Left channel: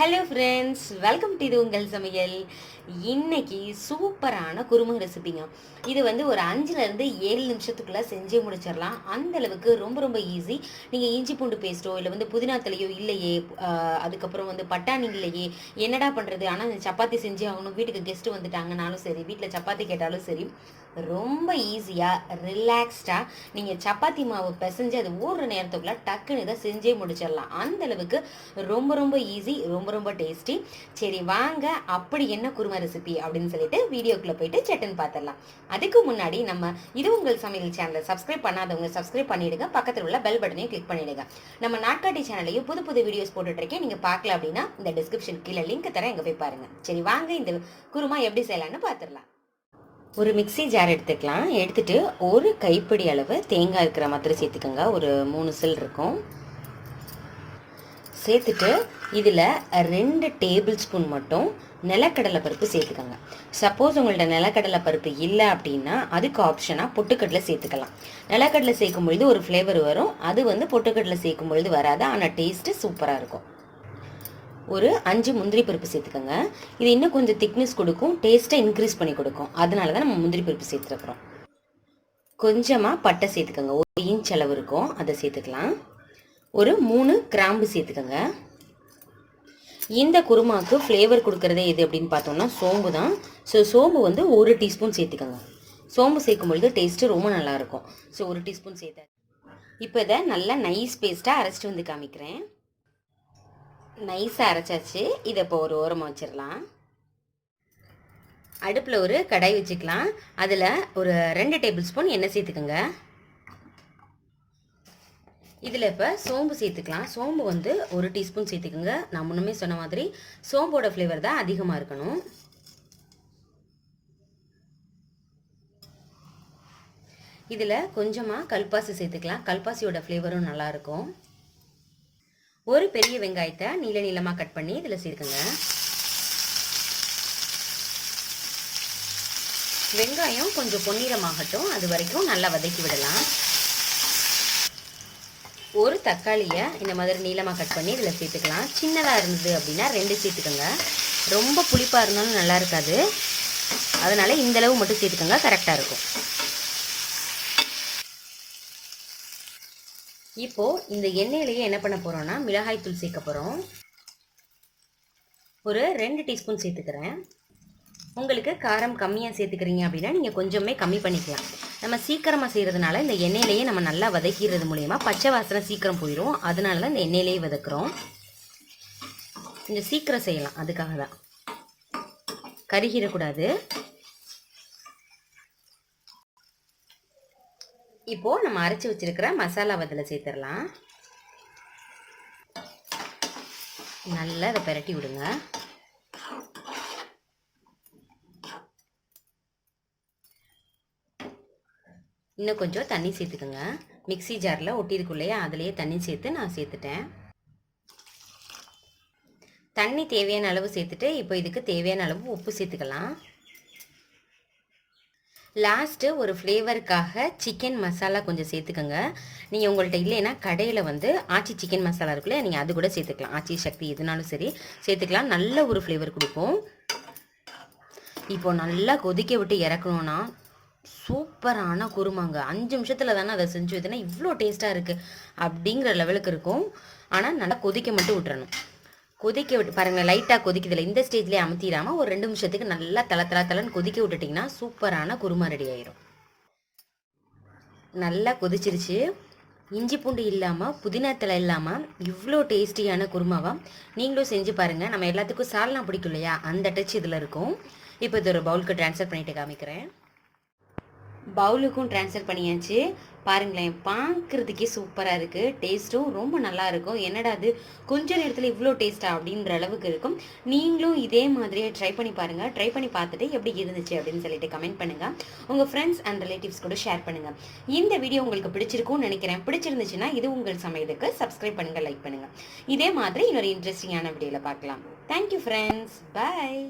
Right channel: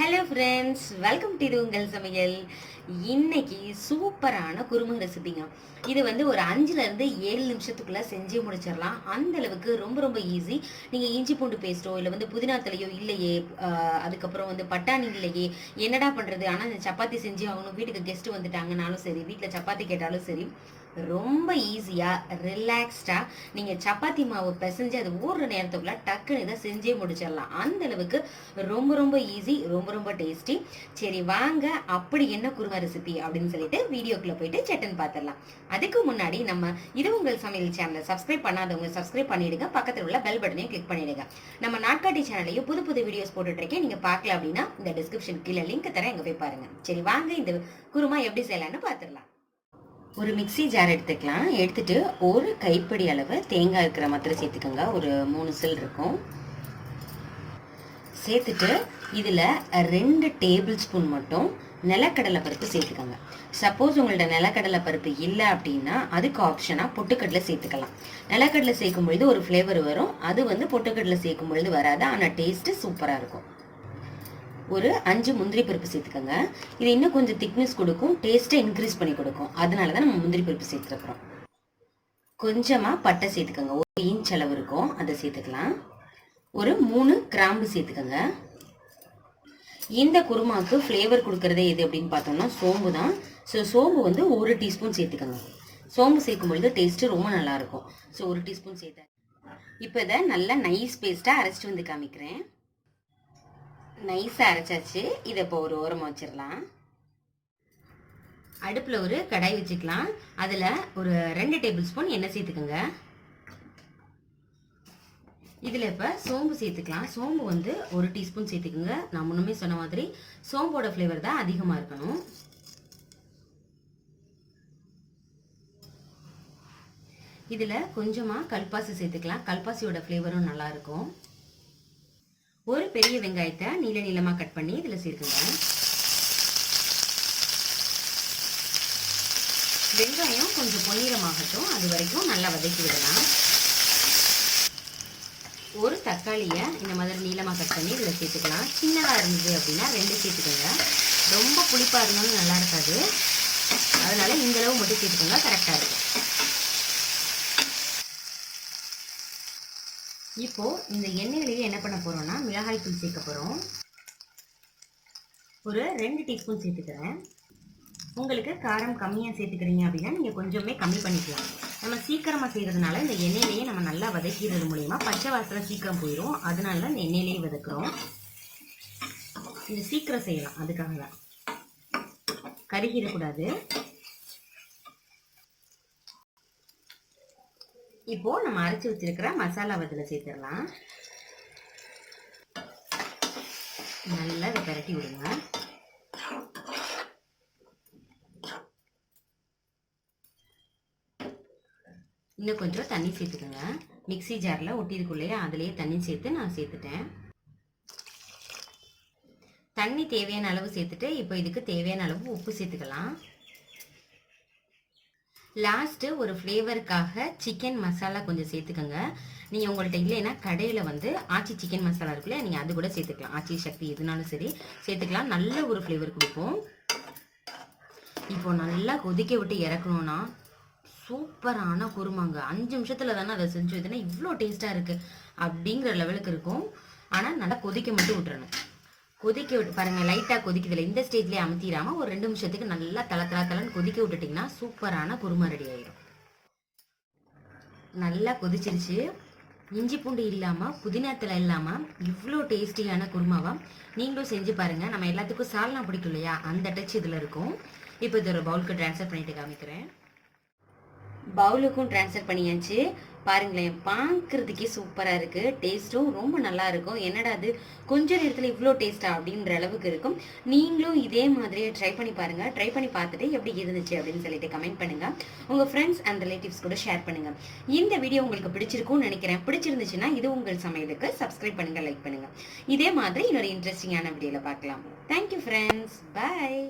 Hello friends, welcome to இது உங்கள் சமையல். இன்னைக்கு சூப்பரான குருமா ரெசிபிங்க. இது ஒரு 5லேருந்து 7 நிமிஷத்துக்குள்ள செஞ்சு முடிச்சிடலாம். அந்த அளவுக்கு ரொம்ப ரொம்ப ஈஸி. நீங்கள் இஞ்சி பூண்டு பேஸ்ட்டோ இல்லை புதினா தலையோ இல்லையே, அதுக்கப்புறம் பட்டாணி இல்லையே, என்னடா பண்ணுறது, ஆனால் இந்த சப்பாத்தி செஞ்சு ஆகணும், வீட்டுக்கு கெஸ்ட்டு வந்துட்டாங்கனாலும் சரி, வீட்டில் சப்பாத்தி கேட்டாலும் சரி, ரொம்ப ஈஸியாக ரிலாக்ஸ்டாக நீங்கள் சப்பாத்தி மாவு பிசைஞ்சு அது ஊறுற நேரத்துக்குள்ள டக்குன்னு இதை செஞ்சே முடிச்சிடலாம். அந்த அளவுக்கு ரொம்ப ரொம்ப ஈஸி, ரொம்ப ரொம்ப டேஸ்டி. சரி வாங்க, அப்படி என்ன குருமா ரெசிபி அப்படின்னு சொல்லிட்டு வீடியோக்குள்ள போயிட்டு சட்டன் பார்த்துடலாம். அதுக்கு முன்னாடி நம்ம இது உங்கள் சமையல் சேனலை சப்ஸ்கிரைப் பண்ணாதவங்க சப்ஸ்கிரைப் பண்ணிடுங்க, பக்கத்தில் உள்ள பெல் பட்டனையும் கிளிக் பண்ணிடுங்க. நம்ம நாட்காட்டி சேனலையும் புது புது வீடியோஸ் போட்டுட்டு இருக்கேன், நீங்க பார்க்கல அப்படின்னா இந்த டிஸ்கிரிப்ஷன் கீழே லிங்க் தரேன், எங்க போய் பாருங்க. சரி வாங்க, இந்த குருமா எப்படி செய்யலாம்னு பார்த்துடலாம். ஒரு மிக்சி ஜார் எடுத்துக்கலாம். எடுத்துட்டு ஒரு கைப்பிடி அளவு தேங்காய் இருக்கிற மாதிரி சேர்த்துக்கோங்க. ஒரு 3 சில் இருக்கும். சேர்த்துட்டு இதில் 2 டேபிள் ஸ்பூன் மட்டும் நிலக்கடலை பருப்பு சேர்த்துக்கோங்க. சப்போஸ் உங்கள்ட்ட நிலக்கடலை பருப்பு இல்லை அப்படின்னா அதுக்கு ஆப்ஷனாக பொட்டுக்கடலை சேர்த்துக்கலாம். நிலக்கடலை சேர்க்கும் பொழுது ஒரு ஃப்ளேவர் வரும், அது பொட்டுக்கடலை சேர்க்கும் பொழுது வராது, ஆனால் டேஸ்ட்டு சூப்பராக இருக்கும். ஒரு 5 முந்திரி பருப்பு சேர்த்துக்கோங்க. இது இன்னும் கொஞ்சம் திக்னஸ் கொடுக்கும், டேஸ்ட்டை இன்க்ரீஸ் பண்ணி கொடுக்கும், அதனால தான் நம்ம முந்திரி பருப்பு சேர்த்துக்கிறோம். கொஞ்சமாக பட்டை சேர்த்துக்கோங்க, 1 இன்ச் அளவு இருக்கும், அதை சேர்த்துக்கலாம். ஒரு 3 கிராம்பு சேர்த்துக்கோங்க. இந்த குருமாவுக்கு ஃப்ளேவர் கொடுக்கறதே எது அப்படின்னு பார்த்தோம்னா சோம்பு தான். ஸோ சோம்பு 1 டீஸ்பூன் சேர்த்துக்கோங்க. சோம்பு சேர்க்கும் பொழுது டேஸ்ட்டு ரொம்ப நல்லாயிருக்கும். ஸோ 1 டீஸ்பூன் சேர்த்தேன். இப்போ இதை நல்லா நைஸ் பேஸ்ட்டாக அரைச்சிட்டு காமிக்கிறேன். நைஸாக அரைச்சாச்சு. இதை இப்போ ஒரு ஓரமாக வச்சிடலாம். அடுப்பில் ஒரு கடாய் வச்சுக்கலாம். அதில் ஒரு 2 டேபிள் ஸ்பூன் எண்ணெய் சேர்த்துக்கோங்க. இதில் இப்போ சோம்பு சேர்த்துக்கலாம். சோம்பு 1 டீஸ்பூன் சேர்த்துக்கோங்க. நான் முன்னமே சொன்ன மாதிரி சோம்போட ஃப்ளேவர் தான் அதிகமாக இருக்கணும். இதில் கொஞ்சமாக கல்பாசி சேர்த்துக்கலாம். கல்பாசியோட ஃப்ளேவரும் நல்லாயிருக்கும். ஒரு பெரிய வெங்காயத்தை நீள நீளமாக கட் பண்ணி இதில் சேர்க்குங்க. வெங்காயம் கொஞ்சம் பொன்னிறமாகட்டும், அது வரைக்கும் நல்லா வதக்கி விடலாம். ஒரு தக்காளியை இந்த மாதிரி நீளமாக கட் பண்ணி இதில் சேர்த்துக்கலாம். சின்னதாக இருந்தது அப்படின்னா 2 சேர்த்துக்கோங்க. ரொம்ப புளிப்பாக இருந்தாலும் நல்லா இருக்காது, அதனால் இந்தளவு மட்டும் சேர்த்துக்கோங்க, கரெக்டாக இருக்கும். இப்போது இந்த எண்ணெயிலேயே என்ன பண்ண போகிறோன்னா மிளகாய் தூள் சேர்க்க போகிறோம். ஒரு 2 டீஸ்பூன் சேர்த்துக்கிறேன். உங்களுக்கு காரம் கம்மியாக சேர்த்துக்கிறீங்க அப்படின்னா நீங்கள் கொஞ்சமே கம்மி பண்ணிக்கலாம். நம்ம சீக்கிரமாக செய்கிறதுனால இந்த எண்ணெயிலேயே நம்ம நல்லா வதக்கிறது மூலயமா பச்சை வாசனை சீக்கிரம் போயிடும், அதனால தான் இந்த எண்ணெயிலேயே வதக்குறோம். கொஞ்சம் சீக்கிரம் செய்யலாம், அதுக்காக தான். கருகிடக்கூடாது. இப்போ நம்ம அரைச்சி வச்சிருக்கிற மசாலா அதில் சேர்த்துடலாம். நல்லா இதை பிரட்டி விடுங்க. இன்னும் கொஞ்சம் தண்ணி சேர்த்துக்கோங்க. மிக்சி ஜாரில் ஒட்டியிருக்குள்ளையே அதுலேயே தண்ணி சேர்த்து நான் சேர்த்துட்டேன். தண்ணி தேவையான அளவு சேர்த்துட்டு இப்போ இதுக்கு தேவையான அளவு உப்பு சேர்த்துக்கலாம். லாஸ்ட்டு ஒரு ஃப்ளேவருக்காக சிக்கன் மசாலா கொஞ்சம் சேர்த்துக்கோங்க. நீங்கள் உங்கள்கிட்ட இல்லைன்னா கடையில் ஆச்சி சிக்கன் மசாலா இருக்குல்ல, நீங்கள் அது கூட சேர்த்துக்கலாம். ஆச்சி சக்தி எதுனாலும் சரி சேர்த்துக்கலாம், நல்ல ஒரு ஃப்ளேவர் கொடுக்கும். இப்போ நல்லா கொதிக்க விட்டு இறக்கணும்னா சூப்பரான குருமாங்க. 5 நிமிஷத்தில் தானே அதை செஞ்சு வைத்தனா இவ்வளோ டேஸ்ட்டாக இருக்குது அப்படிங்கிற லெவலுக்கு இருக்கும். ஆனால் நல்லா கொதிக்க மட்டும் விட்டுறணும். கொதிக்க விட்டு பாருங்கள், லைட்டாக கொதிக்குதில்ல, இந்த ஸ்டேஜ்லேயே அமுத்திடாமல் ஒரு 2 நிமிஷத்துக்கு நல்லா தலன்னு கொதிக்க விட்டுட்டிங்கன்னா சூப்பரான குருமா ரெடி ஆயிடும். நல்லா கொதிச்சிருச்சு. இஞ்சி பூண்டு இல்லாமல் புதினா தலை இல்லாமல் இவ்வளோ டேஸ்டியான குருமாவா நீங்களும் செஞ்சு பாருங்கள். நம்ம எல்லாத்துக்கும் சால்னா பிடிக்கும் இல்லையா, அந்த டச் இதில் இருக்கும். இப்போ இது ஒரு பவுலுக்கு ட்ரான்ஸ்ஃபர் பண்ணிட்டு காமிக்கிறேன். பவுலுக்கும் ட்ரான்ஸ்ஃபர் பண்ணியாச்சு. பாருங்களேன், பார்க்குறதுக்கே சூப்பராக இருக்குது, டேஸ்ட்டும் ரொம்ப நல்லா இருக்கும். என்னடா அது கொஞ்ச நேரத்தில் இவ்வளோ டேஸ்ட்டாக அப்படின்ற அளவுக்கு இருக்கும். நீங்களும் இதே மாதிரியே ட்ரை பண்ணி பாருங்கள். ட்ரை பண்ணி பார்த்துட்டு எப்படி இருந்துச்சு அப்படின்னு சொல்லிட்டு கமெண்ட் பண்ணுங்கள். உங்கள் ஃப்ரெண்ட்ஸ் அண்ட் ரிலேட்டிவ்ஸ் கூட ஷேர் பண்ணுங்கள். இந்த வீடியோ உங்களுக்கு பிடிச்சிருக்கும்னு நினைக்கிறேன். பிடிச்சிருந்துச்சுன்னா இது உங்கள் சமையலுக்கு சப்ஸ்கிரைப் பண்ணுங்கள், லைக் பண்ணுங்கள். இதே மாதிரி இன்னொரு இன்ட்ரெஸ்டிங்கான வீடியோவில் பார்க்கலாம். தேங்க்யூ ஃப்ரெண்ட்ஸ், பாய்.